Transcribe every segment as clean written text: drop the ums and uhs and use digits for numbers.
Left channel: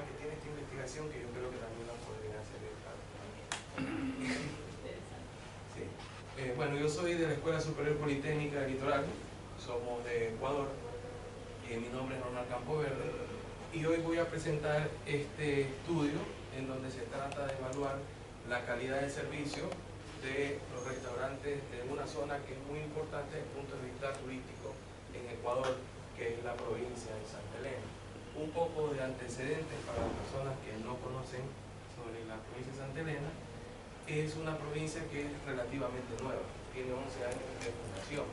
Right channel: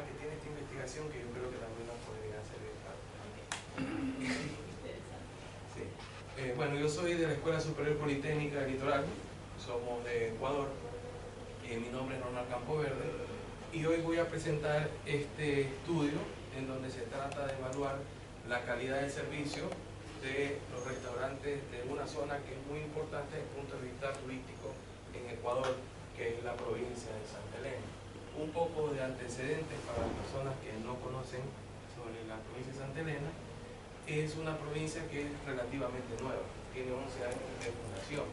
problema que tiene esta investigación, que yo creo que también nos podría servir para. Sí. Bueno, yo soy de la Escuela Superior Politécnica del Litoral, somos de Ecuador, mi nombre es Ronald Campoverde, y hoy voy a presentar este estudio en donde se trata de evaluar la calidad de servicio de los restaurantes de una zona que es muy importante desde el punto de vista turístico en Ecuador, que es la provincia de Santa Elena. Un poco de antecedentes para las personas que no conocen sobre la provincia de Santa Elena. Es una provincia que es relativamente nueva, tiene 11 años de fundación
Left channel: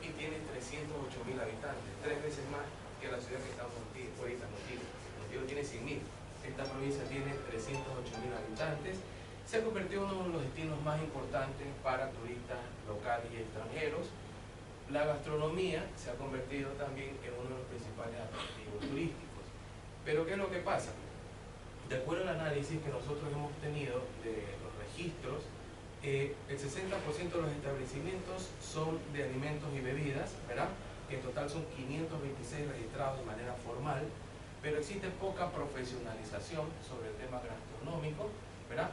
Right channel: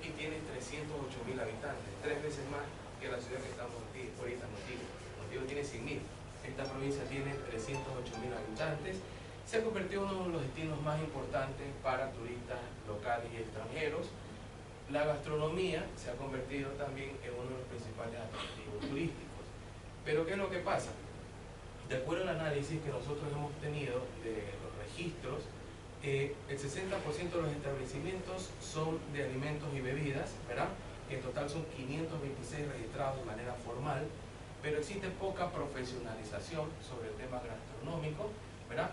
y tiene 308.000 habitantes, 3 veces más que la ciudad que estamos ahorita, Montijo. Montijo tiene 100.000, esta provincia tiene 308.000 habitantes. Se ha convertido en uno de los destinos más importantes para turistas locales y extranjeros. La gastronomía se ha convertido también en uno de los principales atractivos turísticos. Pero ¿qué es lo que pasa? De acuerdo al análisis que nosotros hemos tenido de los registros, el 60% de los establecimientos son de alimentos y bebidas, ¿verdad? Que en total son 526 registrados de manera formal, pero existe poca profesionalización sobre el tema gastronómico, ¿verdad?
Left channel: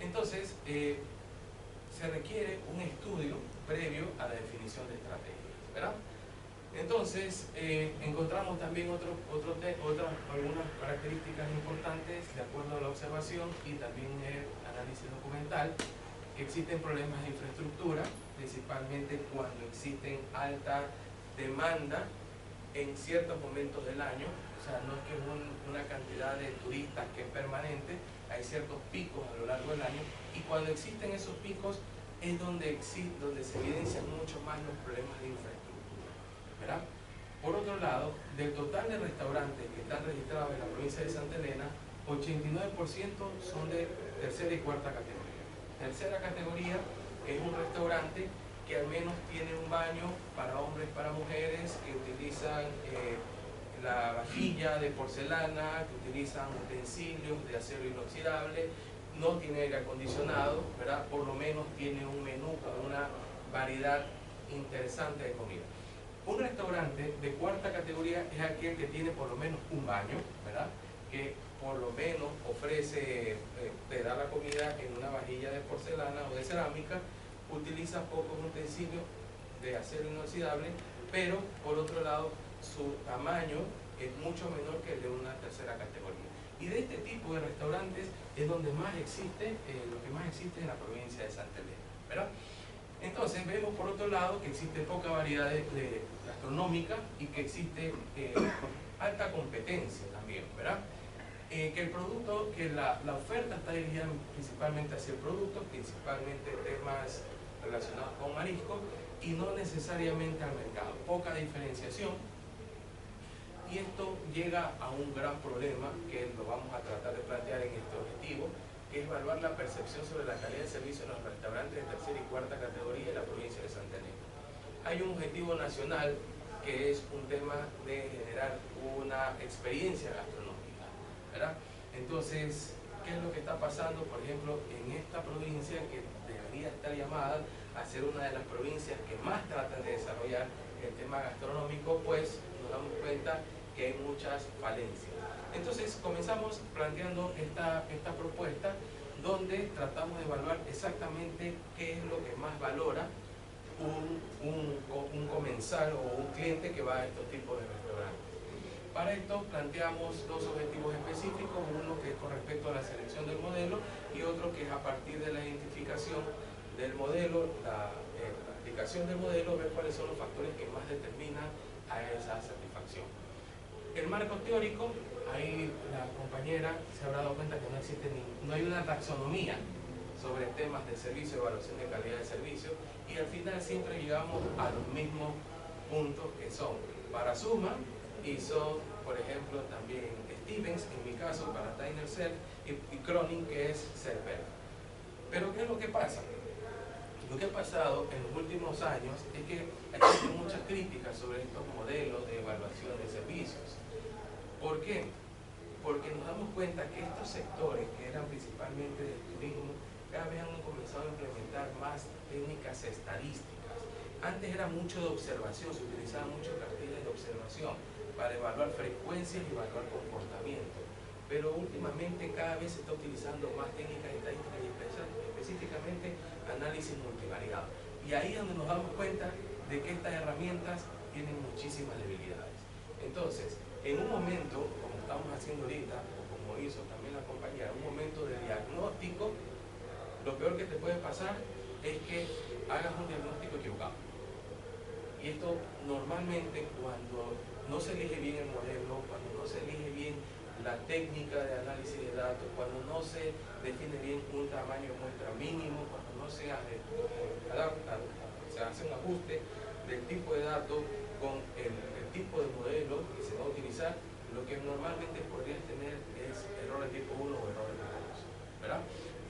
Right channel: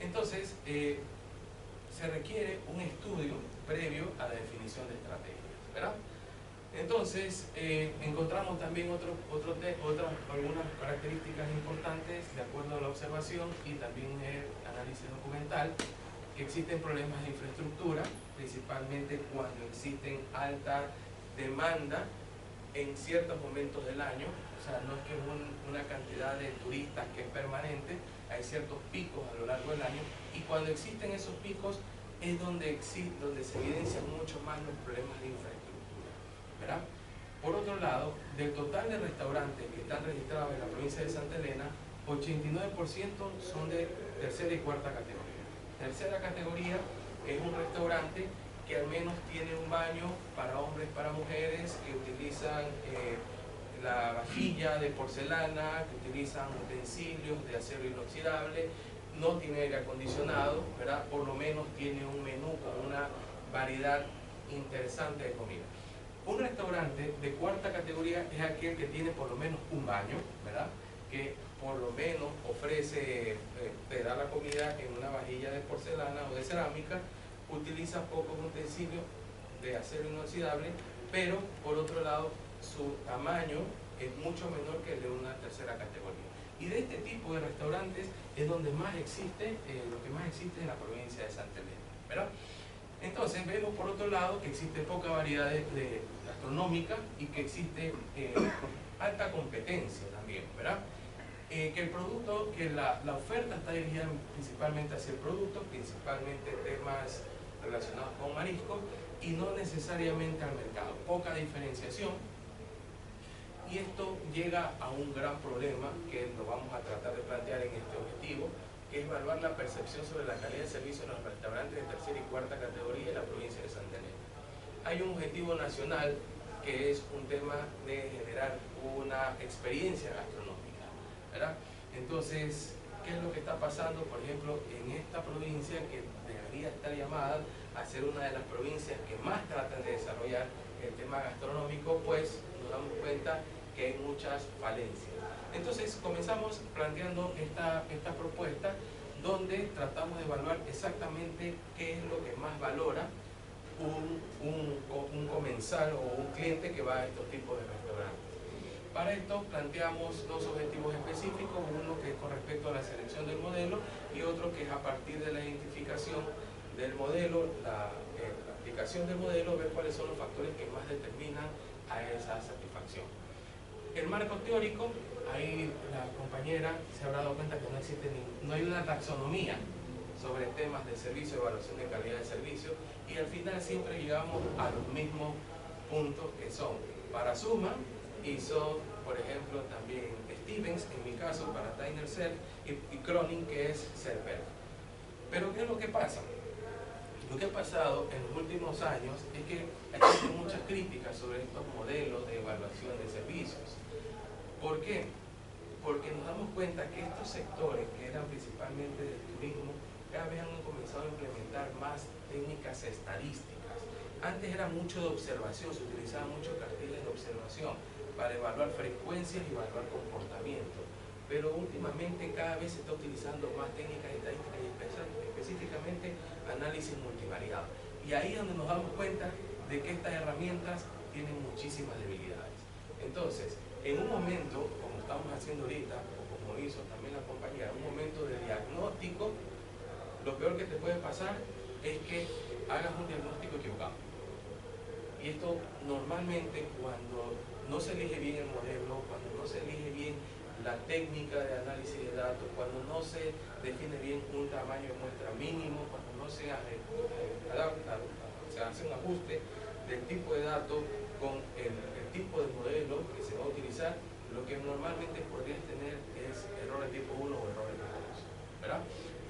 Entonces, se requiere un estudio previo a la definición de estrategias, ¿verdad? Entonces, encontramos también algunas características importantes de acuerdo a la observación y también el análisis documental, que existen problemas de infraestructura, principalmente cuando existen alta demanda en ciertos momentos del año, o sea, no es que es una cantidad de turistas que es permanente, hay ciertos picos a lo largo del año, y cuando existen esos picos es donde se evidencian mucho más los problemas de infraestructura, ¿verdad? Por otro lado, del total de restaurantes que están registrados en la provincia de Santa Elena, 89% son de tercera y cuarta categoría. Tercera categoría es un restaurante que al menos tiene un baño para hombres, para mujeres, que utilizan la vajilla de porcelana, que utilizan utensilios de acero inoxidable, no tiene aire acondicionado, ¿verdad? Por lo menos tiene un menú con una variedad interesante de comida. Un restaurante de cuarta categoría es aquel que tiene por lo menos un baño, ¿verdad? Que por lo menos ofrece, te da la comida en una vajilla de porcelana o de cerámica, utiliza pocos utensilios de acero inoxidable, pero por otro lado su tamaño es mucho menor que el de una tercera categoría. Y de este tipo de restaurantes es donde más existe, lo que más existe en la provincia de Santa Elena, ¿verdad? Entonces vemos por otro lado que existe poca variedad gastronómica y que existe alta competencia también, ¿verdad? Que el producto, que la oferta está dirigida principalmente hacia el producto, principalmente temas relacionados con mariscos y no necesariamente al mercado, poca diferenciación, y esto llega a un gran problema que lo vamos a tratar de plantear en este objetivo, que es evaluar la percepción sobre la calidad de servicio en los restaurantes de tercera y cuarta categoría en la provincia de Santa Elena. Hay un objetivo nacional que es un tema de generar una experiencia gastronómica, ¿verdad? Entonces, ¿qué es lo que está pasando, por ejemplo, en esta provincia que debería estar llamada a ser una de las provincias que más tratan de desarrollar el tema gastronómico? Pues nos damos cuenta que hay muchas falencias. Entonces comenzamos planteando esta propuesta donde tratamos de evaluar exactamente qué es lo que más valora un comensal o un cliente que va a estos tipos de restaurantes. Para esto planteamos dos objetivos específicos, uno que es con respecto a la selección del modelo y otro que es a partir de la identificación del modelo, la aplicación del modelo, ver cuáles son los factores que más determinan a esa satisfacción. El marco teórico, ahí la compañera se habrá dado cuenta que no hay una taxonomía sobre temas de servicio, evaluación de calidad de servicio, y al final siempre llegamos a los mismos puntos que son para Suma y son, por ejemplo, también Stevens, en mi caso, para Tyner Self y Cronin, que es Self-Help. Pero ¿qué es lo que pasa? Lo que ha pasado en los últimos años es que existen muchas críticas sobre estos modelos de evaluación de servicios. ¿Por qué? Porque nos damos cuenta que estos sectores, que eran principalmente del turismo, cada vez han comenzado a implementar más técnicas estadísticas. Antes era mucho de observación, se utilizaban muchos carteles de observación para evaluar frecuencias y evaluar comportamiento. pero últimamente cada vez se está utilizando más técnicas estadísticas y específicamente análisis multivariado. Y ahí es donde nos damos cuenta de que estas herramientas tienen muchísimas debilidades. Entonces, en un momento, como estamos haciendo ahorita, o como hizo también la compañía, en un momento de diagnóstico, lo peor que te puede pasar es que hagas un diagnóstico equivocado. Y esto normalmente cuando no se elige bien el modelo, cuando no se elige bien la técnica de análisis de datos, cuando no se define bien un tamaño de muestra mínimo, cuando no se adapta, se hace un ajuste del tipo de datos con el tipo de modelo que se va a utilizar, lo que normalmente podrías tener es error de tipo 1 o error de tipo 2, ¿verdad?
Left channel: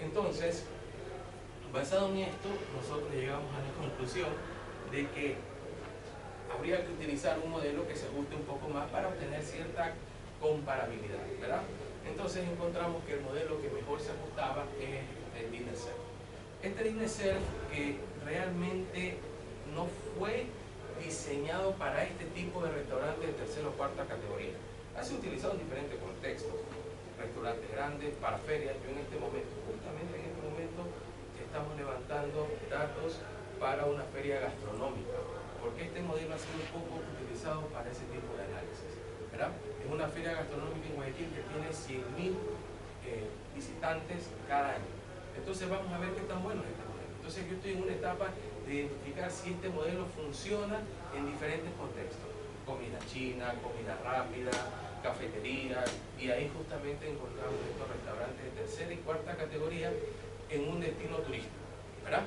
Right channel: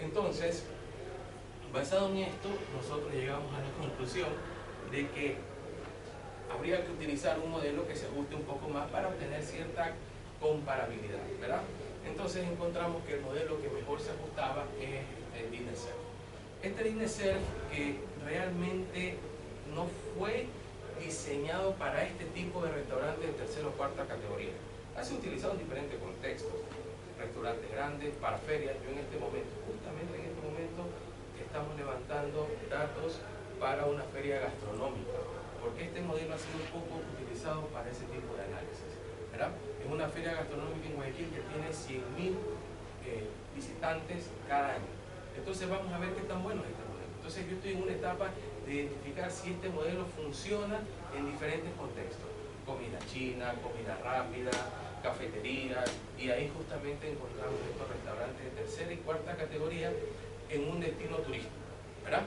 Entonces, basado en esto, nosotros llegamos a la conclusión de que habría que utilizar un modelo que se ajuste un poco más para obtener cierta comparabilidad, ¿verdad? Entonces encontramos que el modelo que mejor se ajustaba es el DINERSERV. Este DINERSERV que realmente no fue diseñado para este tipo de restaurantes de tercera o cuarta categoría. Ha sido utilizado en diferentes contextos, restaurantes grandes, para ferias. Yo en este momento, justamente en este momento, estamos levantando datos para una feria gastronómica, porque este modelo ha sido un poco utilizado para ese tipo de análisis, ¿verdad? Es una feria gastronómica en Guayaquil que tiene 100.000 visitantes cada año. Entonces vamos a ver qué tan bueno es este modelo. Entonces yo estoy en una etapa de identificar si este modelo funciona en diferentes contextos. Comida china, comida rápida, cafetería, y ahí justamente encontramos estos restaurantes de tercera y cuarta categoría en un destino turístico, ¿verdad?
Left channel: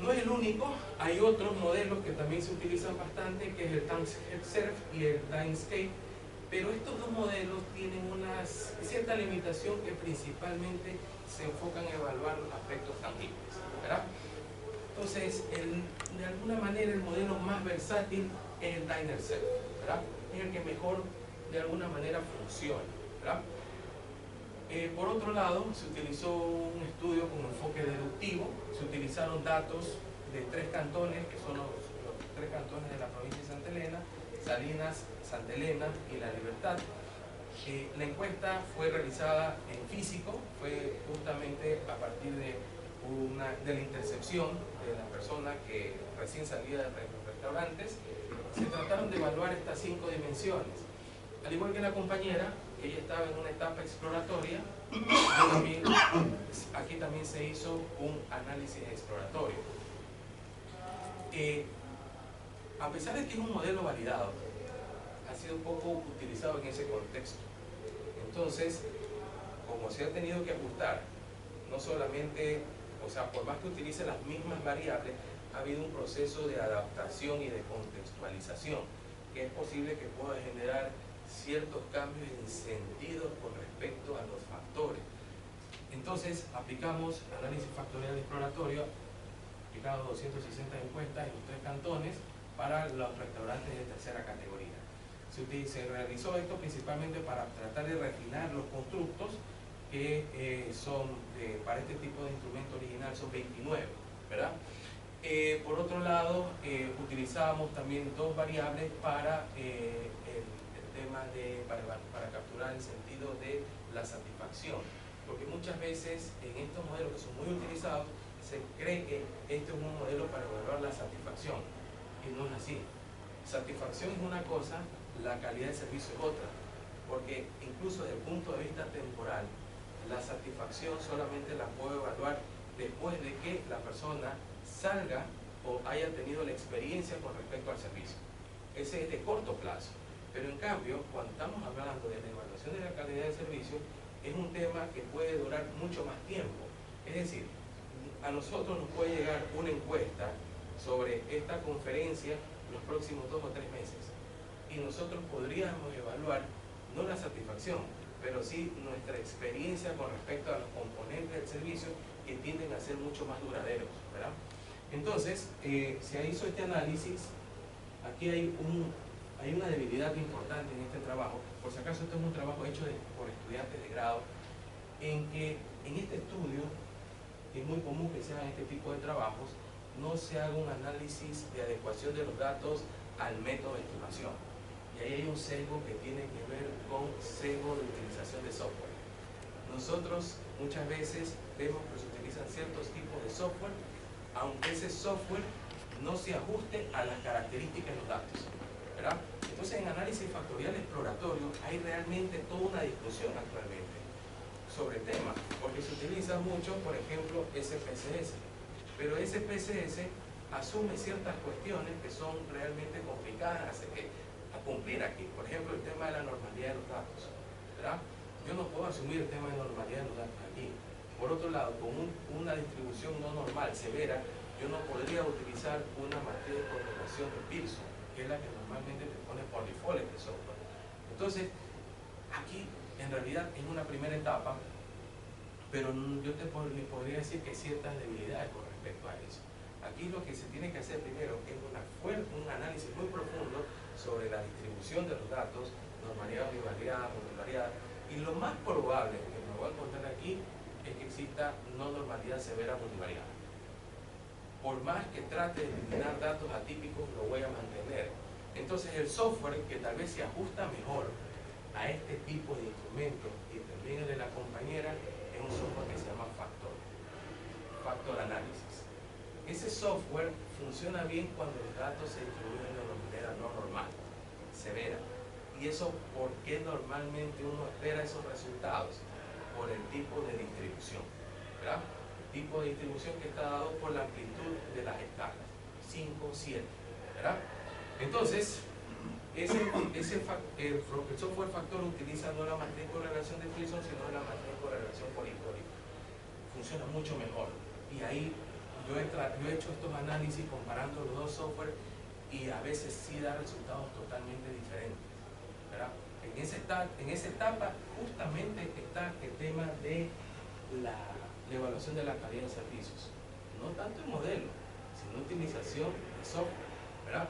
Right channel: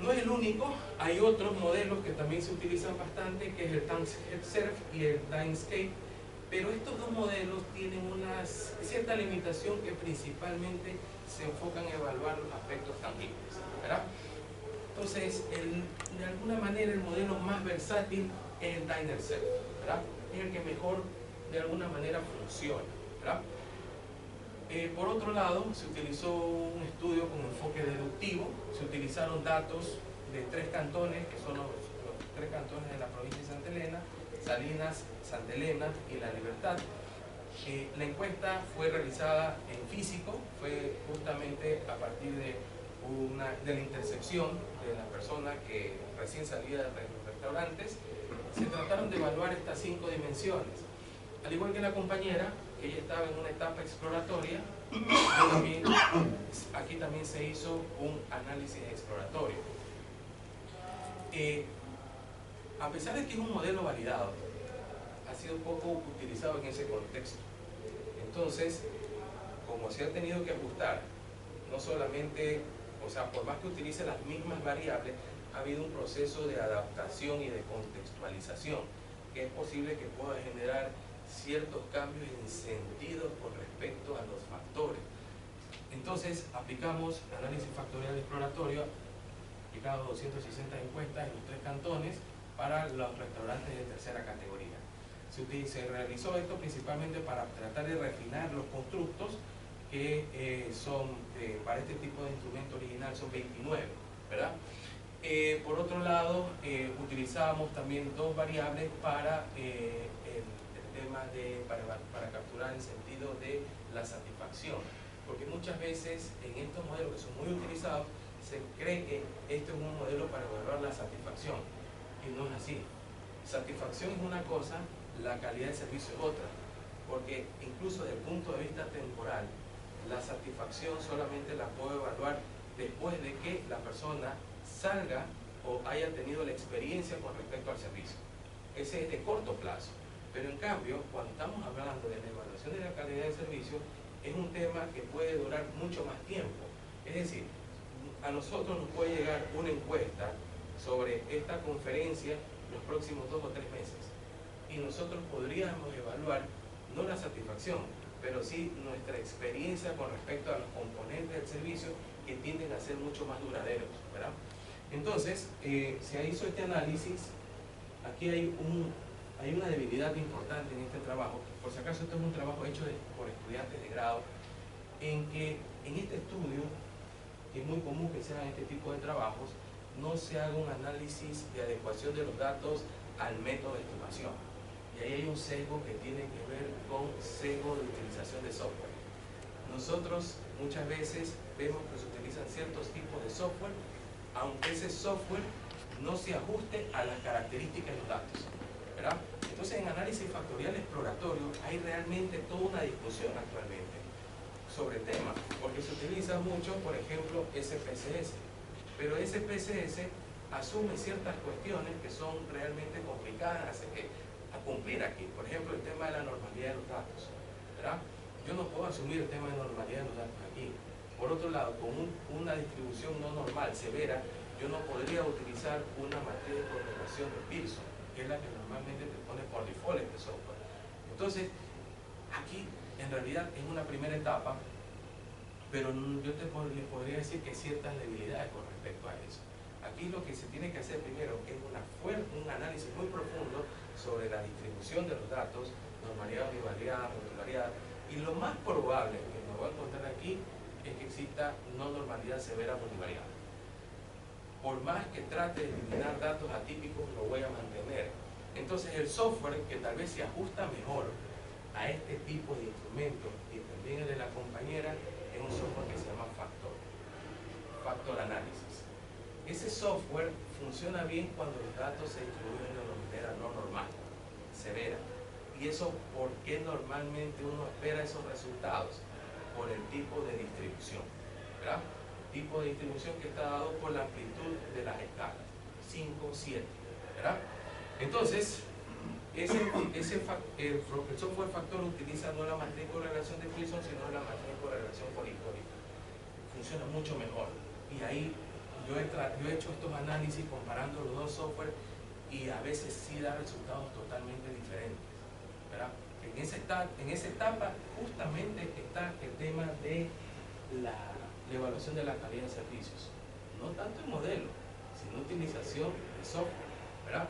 No es el único, hay otros modelos que también se utilizan bastante, que es el TimeServe y el Dimescape, pero estos dos modelos tienen una cierta limitación que principalmente se enfocan en evaluar los aspectos tangibles, ¿verdad? Entonces, de alguna manera el modelo más versátil es el DINERSERV, ¿verdad? Es el que mejor de alguna manera funciona, ¿verdad? Por otro lado, se utilizó un estudio con enfoque deductivo, se utilizaron datos de 3 cantones, que son los 3 cantones de la provincia de Santa Elena, Salinas, Santa Elena y La Libertad. La encuesta fue realizada en físico, fue justamente a partir de la intercepción de la persona que recién salía de los restaurantes. Se trataron de evaluar estas 5 dimensiones. Al igual que la compañera, ella estaba en una etapa exploratoria, aquí también se hizo un análisis exploratorio. A pesar de que es un modelo validado, ha sido poco utilizado en ese contexto. Entonces, como se ha tenido que ajustar, no solamente, o sea, por más que utilice las mismas variables, ha habido un proceso de adaptación y de contextualización, que es posible que pueda generar ciertos cambios en sentido con respecto a los factores. Entonces, aplicamos análisis factorial exploratorio, aplicado 260 encuestas en los 3 cantones para los restaurantes de tercera categoría. Se realizó esto principalmente para tratar de refinar los constructos que para este tipo de instrumento original son 29, ¿verdad? Por otro lado, utilizábamos también 2 variables para tema para capturar el sentido de la satisfacción, porque muchas veces en estos modelos que son muy utilizados se cree que este es un modelo para evaluar la satisfacción, y no es así. Satisfacción es una cosa, la calidad del servicio es otra, porque incluso desde el punto de vista temporal, la satisfacción solamente la puedo evaluar después de que la persona salga o haya tenido la experiencia con respecto al servicio. Ese es de corto plazo. Pero en cambio, cuando estamos hablando de la evaluación de la calidad del servicio, es un tema que puede durar mucho más tiempo. Es decir, a nosotros nos puede llegar una encuesta sobre esta conferencia los próximos 2 o 3 meses. Y nosotros podríamos evaluar, no la satisfacción, pero sí nuestra experiencia con respecto a los componentes del servicio que tienden a ser mucho más duraderos, ¿verdad? Entonces, se hizo este análisis. Aquí hay una debilidad importante en este trabajo. Por si acaso, esto es un trabajo hecho por estudiantes de grado, en que en este estudio es muy común que se hagan este tipo de trabajos, no se haga un análisis de adecuación de los datos al método de estimación. Y ahí hay un sesgo que tiene que ver con sesgo de utilización de software. Nosotros muchas veces vemos que se utilizan ciertos tipos de software, aunque ese software no se ajuste a las características de los datos, ¿verdad? Entonces, en análisis factorial exploratorio hay realmente toda una discusión actualmente sobre el tema, porque se utiliza mucho, por ejemplo, SPSS, pero SPSS asume ciertas cuestiones que son realmente complicadas a cumplir aquí. Por ejemplo, el tema de la normalidad de los datos, ¿verdad? Yo no puedo asumir el tema de normalidad de los datos aquí. Por otro lado, con una distribución no normal, severa, yo no podría utilizar una matriz de correlación de Pearson, que es la que normalmente te pone por default este software. Entonces, aquí en realidad es una primera etapa, pero yo le podría decir que hay ciertas debilidades con respecto a eso. Aquí lo que se tiene que hacer primero es un análisis muy profundo sobre la distribución de los datos, normalidad, univariedad, modularidad, y lo más probable que me voy a encontrar aquí es que exista no normalidad severa univariada. Por más que trate de eliminar datos atípicos, lo voy a mantener. Entonces el software que tal vez se ajusta mejor a este tipo de instrumentos y también el de la compañera es un software que se llama Factor Analysis. Ese software funciona bien cuando los datos se distribuyen de una manera no normal, severa. ¿Y eso por qué normalmente uno espera esos resultados? Por el tipo de distribución, ¿verdad? Tipo de distribución que está dado por la amplitud de las escalas, 5, 7, ¿verdad? Entonces, el software factor utiliza no la matriz de correlación de Pearson, sino la matriz de correlación por histórico. Funciona mucho mejor. Y ahí yo he hecho estos análisis comparando los dos software y a veces sí da resultados totalmente diferentes, ¿verdad? En esa etapa justamente está el tema de la evaluación de la calidad de servicios, no tanto el modelo, sino utilización de software, ¿verdad?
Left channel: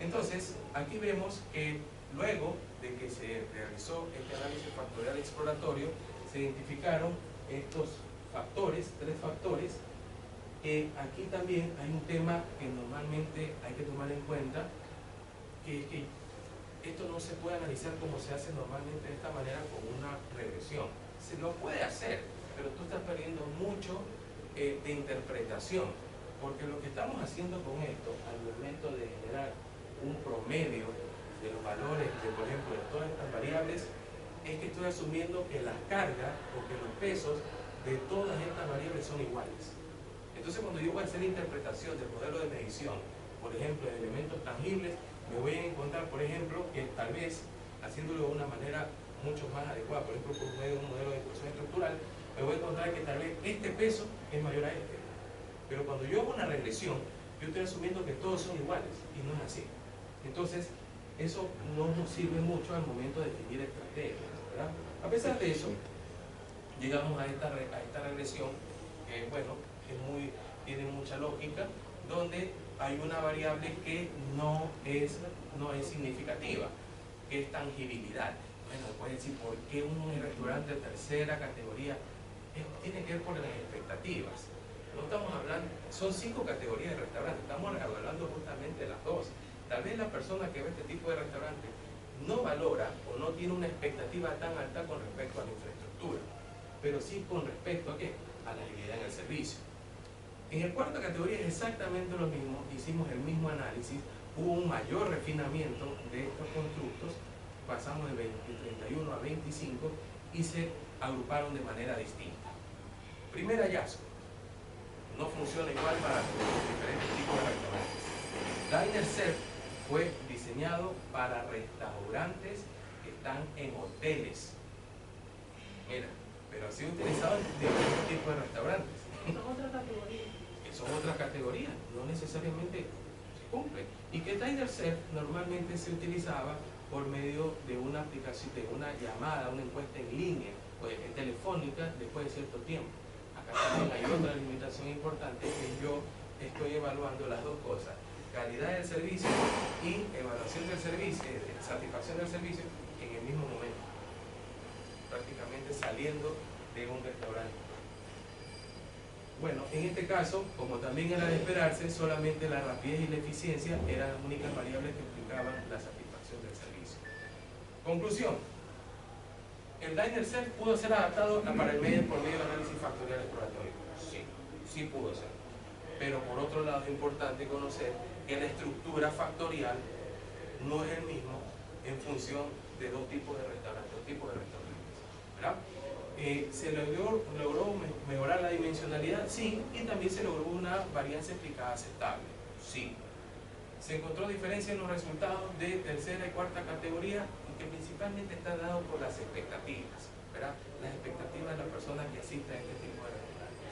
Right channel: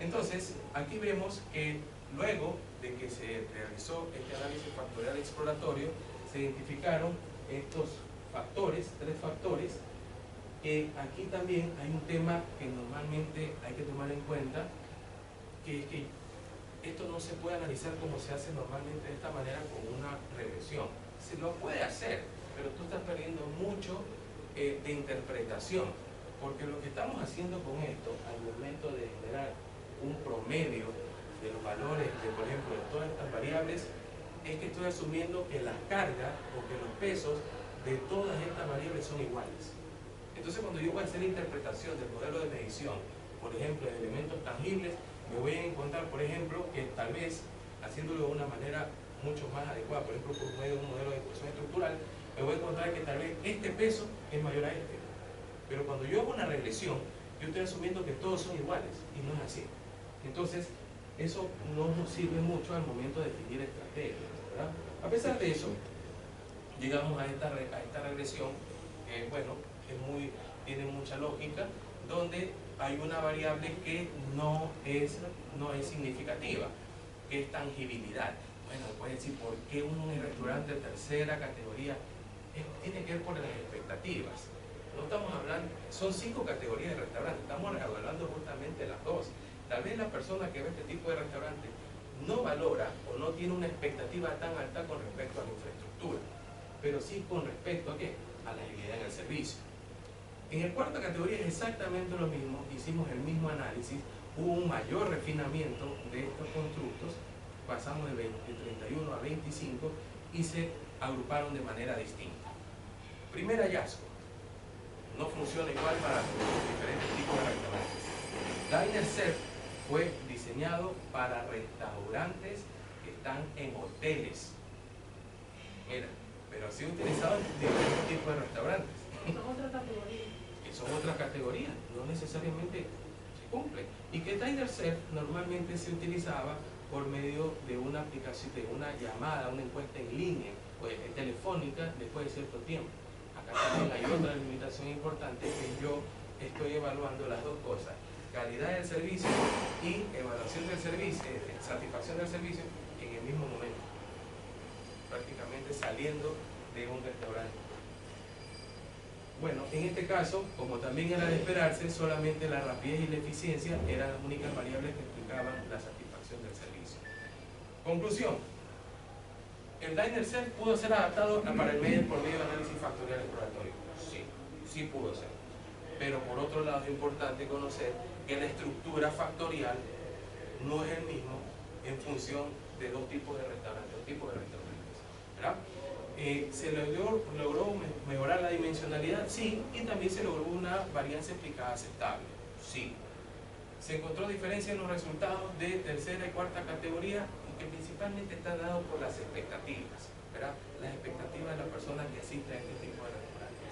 Entonces, aquí vemos que luego de que se realizó este análisis factorial exploratorio, se identificaron estos factores, 3 factores, que aquí también hay un tema que normalmente hay que tomar en cuenta, que es que esto no se puede analizar como se hace normalmente de esta manera con una regresión. Se lo puede hacer, pero tú estás perdiendo mucho de interpretación, porque lo que estamos haciendo con esto, al momento de generar un promedio de los valores de, por ejemplo, de todas estas variables, es que estoy asumiendo que las cargas o que los pesos de todas estas variables son iguales. Entonces, cuando yo voy a hacer interpretación del modelo de medición, por ejemplo, de elementos tangibles, me voy a encontrar, por ejemplo, que tal vez, haciéndolo de una manera mucho más adecuada, por ejemplo, por medio de un modelo de ecuación estructural, me voy a encontrar que tal vez este peso es mayor a este. Pero cuando yo hago una regresión, yo estoy asumiendo que todos son iguales, y no es así. Entonces, eso no nos sirve mucho al momento de definir estrategias, ¿verdad? A pesar de eso, llegamos a esta regresión, que bueno, tiene mucha lógica, donde hay una variable que no es significativa, que es tangibilidad. Bueno, puedes decir, ¿por qué un restaurante de tercera categoría? Tiene que ver por las expectativas. No estamos hablando, son 5 categorías de restaurantes, estamos evaluando justamente las 2. Tal vez la persona que ve este tipo de restaurante no valora o no tiene una expectativa tan alta con respecto a la infraestructura, pero sí con respecto a ¿qué? A la agilidad en el servicio. En el cuarta categoría es exactamente lo mismo, hicimos el mismo análisis, hubo un mayor refinamiento de estos constructos, pasamos de 31 a 25 y se agruparon de manera distinta. Primer hallazgo, no funciona igual para los diferentes tipos de restaurantes. Diner Set fue diseñado para restaurantes que están en hoteles. Mira, pero ha sido utilizado en diferentes tipos de restaurantes. Son otras categorías. Que son otras categorías, no necesariamente se cumple. Y que Diner Set normalmente se utilizaba por medio de una aplicación, de una llamada, una encuesta en línea o telefónica después de cierto tiempo. Acá también hay otra limitación importante, que yo estoy evaluando las dos cosas: calidad del servicio y evaluación del servicio, satisfacción del servicio en el mismo momento, prácticamente saliendo de un restaurante. Bueno, en este caso, como también era de esperarse, solamente la rapidez y la eficiencia eran las únicas variables que explicaban la satisfacción del servicio. Conclusión: ¿El Diner Set pudo ser adaptado para el medio por medio de análisis factorial exploratorio? Sí, sí pudo ser. Pero por otro lado es importante conocer que la estructura factorial no es el mismo en función de dos tipos de restaurantes, ¿verdad? ¿Se logró mejorar la dimensionalidad? Sí, y también se logró una varianza explicada aceptable. Sí. Se encontró diferencia en los resultados de tercera y cuarta categoría, que principalmente está dado por las expectativas, ¿verdad? Las expectativas de las personas que asisten a este tipo de restaurantes.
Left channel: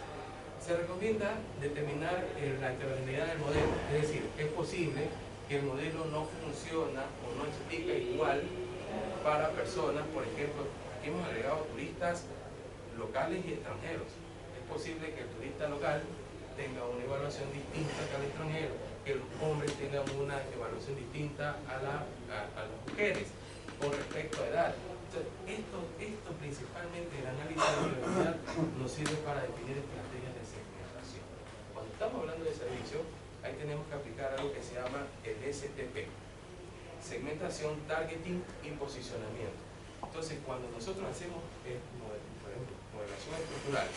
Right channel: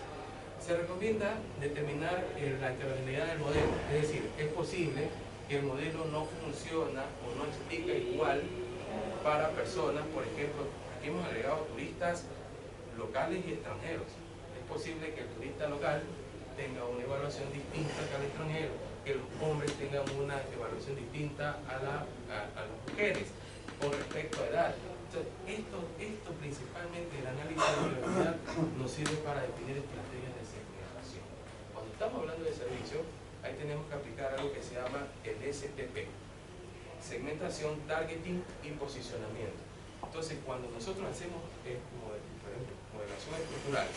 Se recomienda determinar la heterogeneidad del modelo, es decir, es posible que el modelo no funciona o no explica igual para personas, por ejemplo, aquí hemos agregado turistas locales y extranjeros. Es posible que el turista local tenga una evaluación distinta que al extranjero, que los hombres tengan una evaluación distinta a las mujeres con respecto a edad. Entonces, esto principalmente, el análisis de biodiversidad nos sirve para definir estrategias de segmentación. Cuando estamos hablando de servicio, ahí tenemos que aplicar algo que se llama el STP: segmentación, targeting y posicionamiento. Entonces, cuando nosotros hacemos, por ejemplo, modelación estructural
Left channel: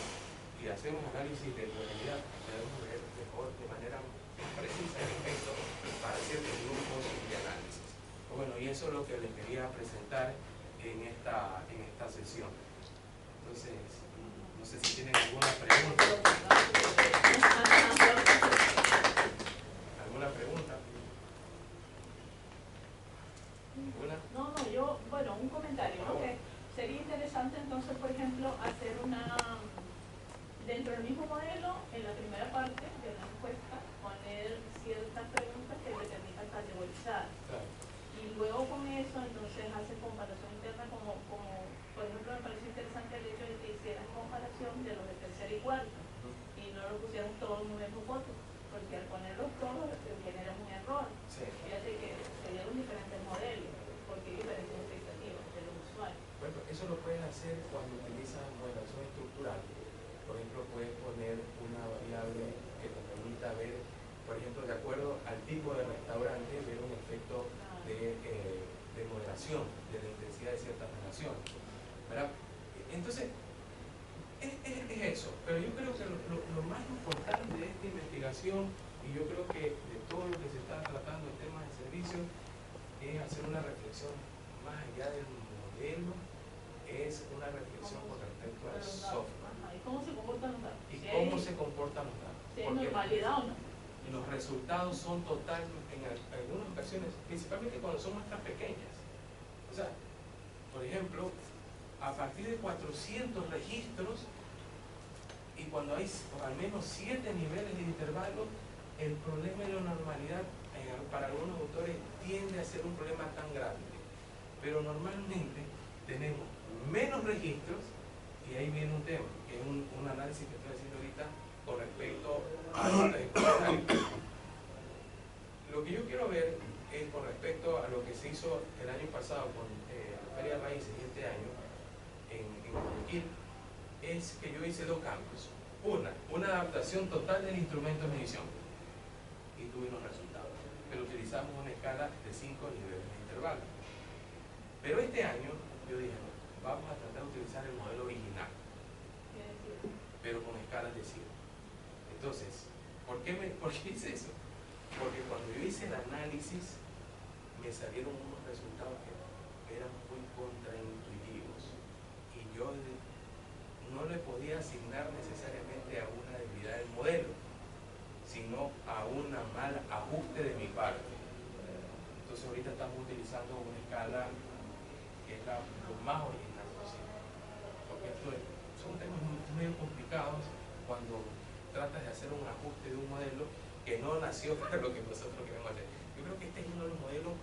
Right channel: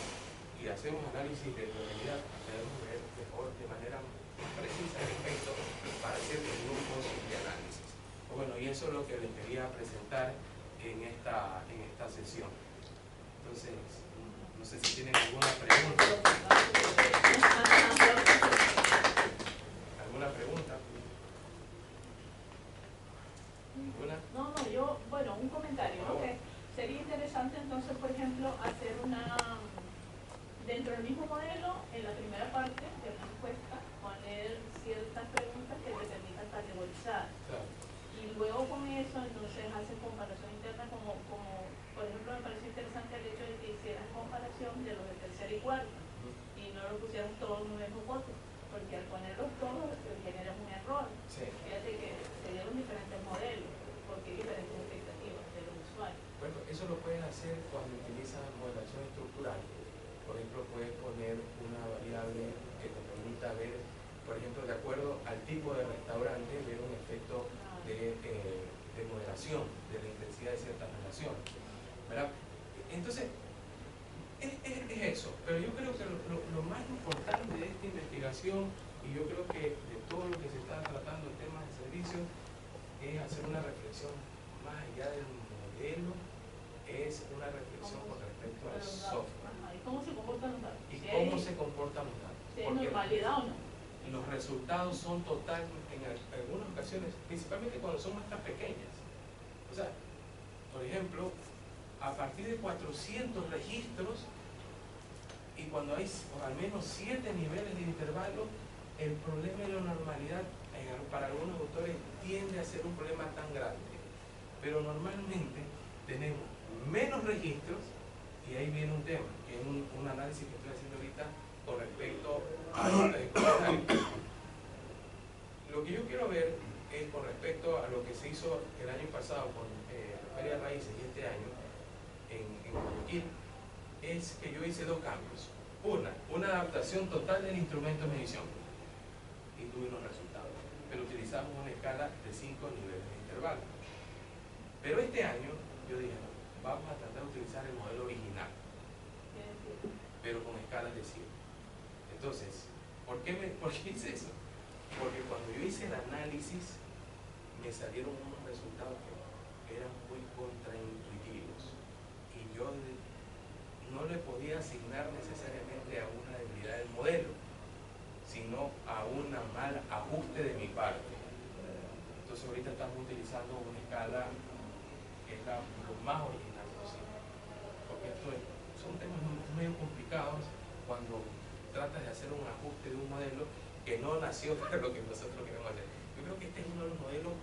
y hacemos análisis de heterogeneidad, podemos ver mejor, de manera más precisa, el efecto para ciertos grupos de análisis. Bueno, y eso es lo que les quería presentar en esta sesión. Entonces, no sé si tienen alguna pregunta. ¿Alguna pregunta? ¿Ninguna? No, yo, bueno, un comentario, ¿no? Que sería interesante entonces, por ejemplo, hacer dentro del mismo modelo, en la primera parte de la encuesta, poner ciertas preguntas que te permitan categorizar. Claro. Y luego con eso, entonces, haces comparación interna, como por ejemplo, me pareció interesante el hecho de que hicieras comparación de los de tercera y cuarta, y no lo pusieras todos en un mismo voto, porque al ponerlos todos generas un error. Sí. Fíjate que serían diferentes modelos, porque hay diferentes expectativas de los usuarios. Bueno, eso lo puedes hacer cuando utilizas modelación estructural. Por ejemplo, puedes poner una variable que te permita ver, por ejemplo, de acuerdo al tipo de restaurante, ver un efecto de moderación de la intensidad de ciertas relaciones, ¿verdad? Entonces, es eso. Pero yo creo que lo más importante de esta investigación, y yo creo que de todo lo que se está tratando en temas de servicios, es hacer una reflexión más allá del modelo, es una reflexión con respecto al software. ¿Y cómo se comportan los datos? ¿Y cómo se comportan los datos? ¿Si hay normalidad o no? Los resultados son total, en algunas ocasiones, principalmente cuando son muestras pequeñas. O sea, por ejemplo, a partir de 400 registros, y cuando hay al menos 7 niveles de intervalo, el problema de la normalidad para algunos autores tiende a ser un problema tan grande. Pero normalmente tenemos menos registros, y ahí viene un tema, que es un análisis que estoy haciendo ahorita con respecto a lo que yo quiero ver es con respecto a lo que se hizo el año pasado con la Feria de Raíces y este año en Guayaquil, es que yo hice dos cambios. Una adaptación total del instrumento de medición, y tuve unos resultados, pero utilizamos una escala de 5 niveles de intervalo. Pero este año yo dije, no, vamos a tratar de utilizar el modelo original, pero con escalas de 100. Entonces, ¿por qué hice eso? Porque cuando yo hice el análisis me salieron unos resultados que eran muy contraintuitivos, y yo no le podía asignar necesariamente a una debilidad del modelo, sino a un mal ajuste de mi parte. Entonces ahorita estamos utilizando una escala que es lo más original posible, porque son temas medio complicados cuando tratas de hacer un ajuste de un modelo que no nació para lo que nosotros queremos hacer. Yo creo que este es uno de los modelos,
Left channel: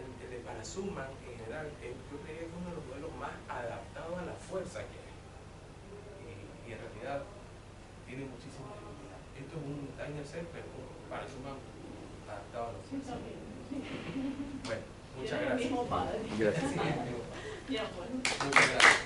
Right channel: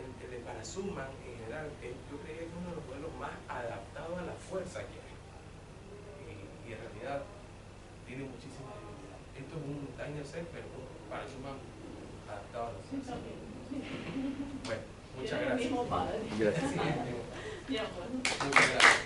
el de Parasuman en general, yo creo que es uno de los modelos más adaptados a la fuerza que hay, y en realidad tiene muchísimas dificultades. Esto es un Diner Set, pero Parasuman adaptado a la fuerza. Bueno, muchas gracias. El mismo padre. Gracias. Ya, bueno. Muchas gracias.